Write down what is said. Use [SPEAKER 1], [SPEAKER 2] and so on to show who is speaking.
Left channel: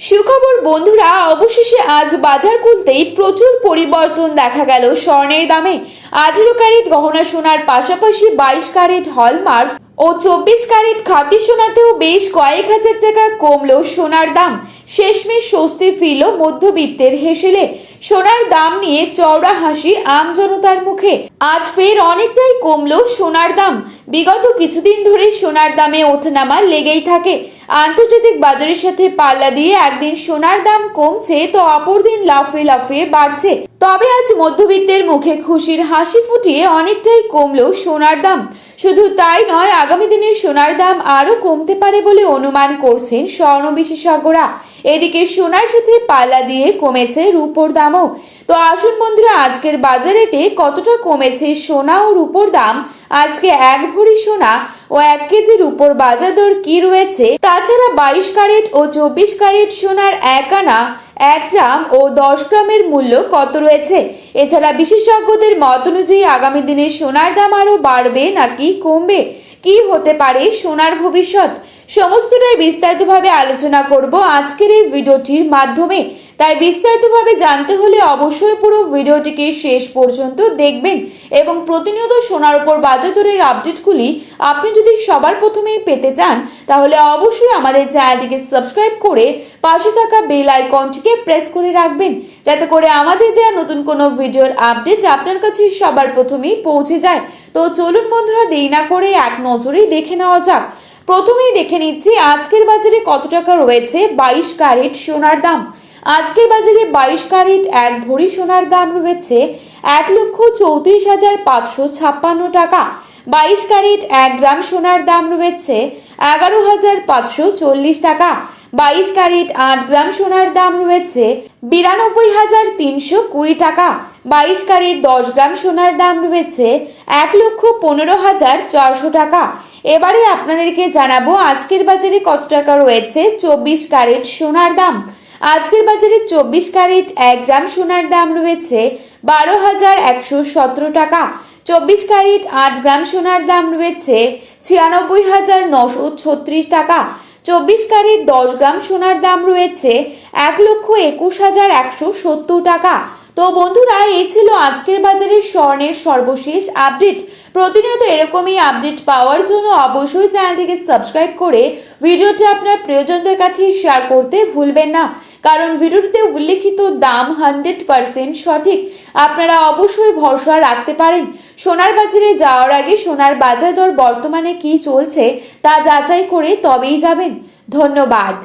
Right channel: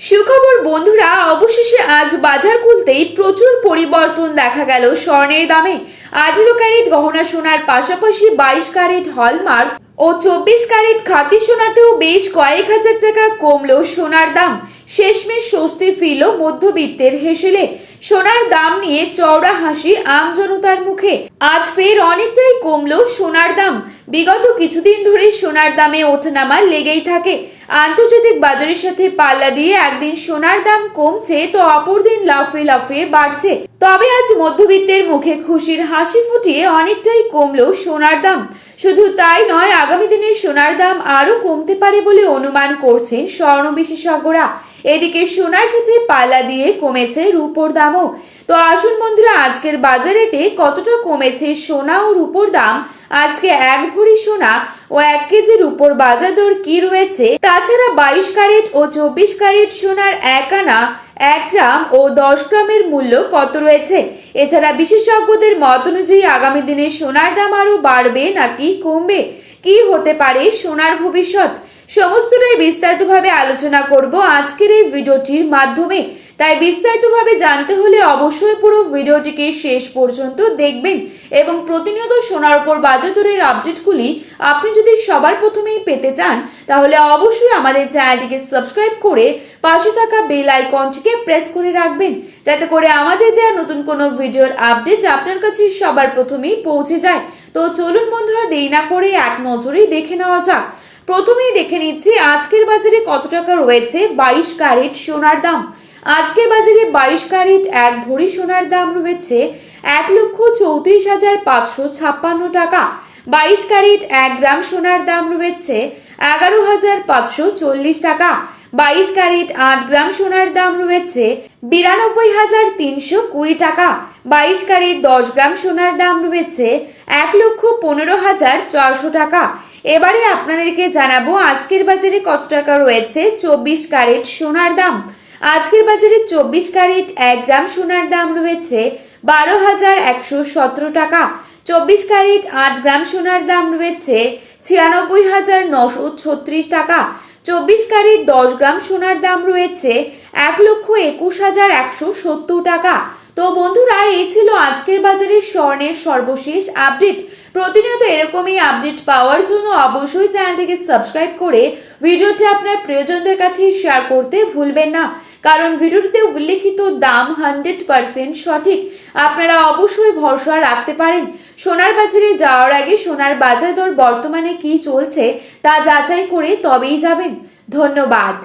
[SPEAKER 1] সুখবর, বন্ধুরা, অবশেষে আজ বাজার খুলতেই প্রচুর পরিবর্তন দেখা গেল স্বর্ণের দামে। আঠেরো ক্যারেট গহনা সোনার পাশাপাশি বাইশ ক্যারেট হলমার্ক ও চব্বিশ ক্যারেট খাঁটি সোনাতেও বেশ কয়েক হাজার টাকা কমলো সোনার দাম। শেষমেশ স্বস্তি ফিরল মধ্যবিত্তের হেসেলে। সোনার দাম নিয়ে চওড়া হাসি আম জনতার মুখে। আজ ফের অনেকটাই কমলো সোনার দাম। বিগত কিছুদিন ধরে সোনার দামে ওঠানামা লেগেই থাকে। আন্তর্জাতিক বাজারের সাথে পাল্লা দিয়ে একদিন সোনার দাম কমছে তো অপর দিন লাফে লাফিয়ে বাড়ছে। তবে আজ মধ্যবিত্তের মুখে খুশির হাসি ফুটিয়ে অনেকটাই কমলো সোনার দাম। শুধু তাই নয়, আগামী দিনে সোনার দাম আরও কমতে পারে বলে অনুমান করছেন স্বর্ণ বিশেষজ্ঞরা। এদিকে সোনার সাথে পাল্লা দিয়ে কমেছে রূপোর দামও তো আসুন বন্ধুরা, আজকের বাজারেটে কতটা কমেছে সোনা ও রূপোর দাম? আজকে এক ভরি সোনা ও এক কেজির উপর বাজার দর কি রয়েছে? তাছাড়া বাইশ ক্যারেট ও চব্বিশ ক্যারেট সোনার এক আনা, এক গ্রাম ও দশ গ্রামের মূল্য কত রয়েছে? এছাড়া বিশেষজ্ঞদের মত অনুযায়ী আগামী দিনে সোনার দাম আরও বাড়বে নাকি কমবে? কি হতে পারে সোনার ভবিষ্যৎ? সমস্তটাই বিস্তারিতভাবে আলোচনা করব আজকের এই ভিডিওটির মাধ্যমে। তাই বিস্তারিতভাবে জানতে হলে অবশ্যই পুরো ভিডিওটিকে শেষ পর্যন্ত দেখবেন এবং প্রতিনিয়ত সোনার উপর বাজার দরের আপডেটগুলি আপনি যদি সবার প্রথমেই পেতে চান, তাহলে অবশ্যই আমাদের চ্যানেলটিকে সাবস্ক্রাইব করে পাশে থাকা বেল আইকনটিকে প্রেস করে রাখবেন, যাতে করে আমাদের দেওয়া নতুন কোনো ভিডিওর আপডেট আপনার কাছে সবার প্রথমেই পৌঁছে যায়। তো চলুন বন্ধুরা, দেরি না করে এক নজরেই দেখে নেওয়া যাক। প্রথমেই দেখে নিচ্ছি, আজকের বাজারে কত টাকা রয়েছে? বাইশ ক্যারেট সোনার দাম। আজকের বাজারে বাইশ ক্যারেট, এক ভরি সোনার দাম রয়েছে এক লক্ষ চৌত্রিশ হাজার পাঁচশো ছাপ্পান্ন টাকা। বাইশ ক্যারেট, এক গ্রাম সোনার দাম রয়েছে এগারো হাজার পাঁচশো চল্লিশ টাকা। বাইশ ক্যারেট, আট গ্রাম সোনার দাম রয়েছে বিরানব্বই হাজার তিনশো কুড়ি টাকা। বাইশ ক্যারেট, দশ গ্রাম সোনার দাম রয়েছে এক লক্ষ পনেরো হাজার চারশো টাকা। এবারে আপনাদেরকে জানাব আজকের বাজারে কত টাকা রয়েছে, চব্বিশ ক্যারেট সোনার দাম। আজকের বাজারে চব্বিশ ক্যারেট এক গ্রাম সোনার দাম রয়েছে বারো হাজার একশো সতেরো টাকা। চব্বিশ ক্যারেট আট গ্রাম সোনার দাম রয়েছে ছিয়ানব্বই হাজার নশো ছত্রিশ টাকা। চব্বিশ ক্যারেট দশ গ্রাম সোনার দাম রয়েছে এক লক্ষ একুশ হাজার একশো সত্তর টাকা। তো বন্ধুরা, এই ছিল আজকের বাজারের স্বর্ণের সর্বশেষ আপডেট। প্রতিনিয়ত এরকমই আপডেট পাওয়ার জন্য অবশ্যই চ্যানেলটিকে সাবস্ক্রাইব করে ভিডিওটি আপনার প্রিয়জনদের কাছে শেয়ার করতে ভুলবেন না। কারণ ভিডিওটিতে উল্লেখিত দাম হান্ড্রেড পার্সেন্ট সঠিক। আপনারা অবশ্যই ভরসা রাখতে পারেন। সোনার বাজারে যাওয়ার আগে সোনার বাজার দর বর্তমানে কি চলছে তা যাচাই করে তবেই যাবেন। ধন্যবাদ।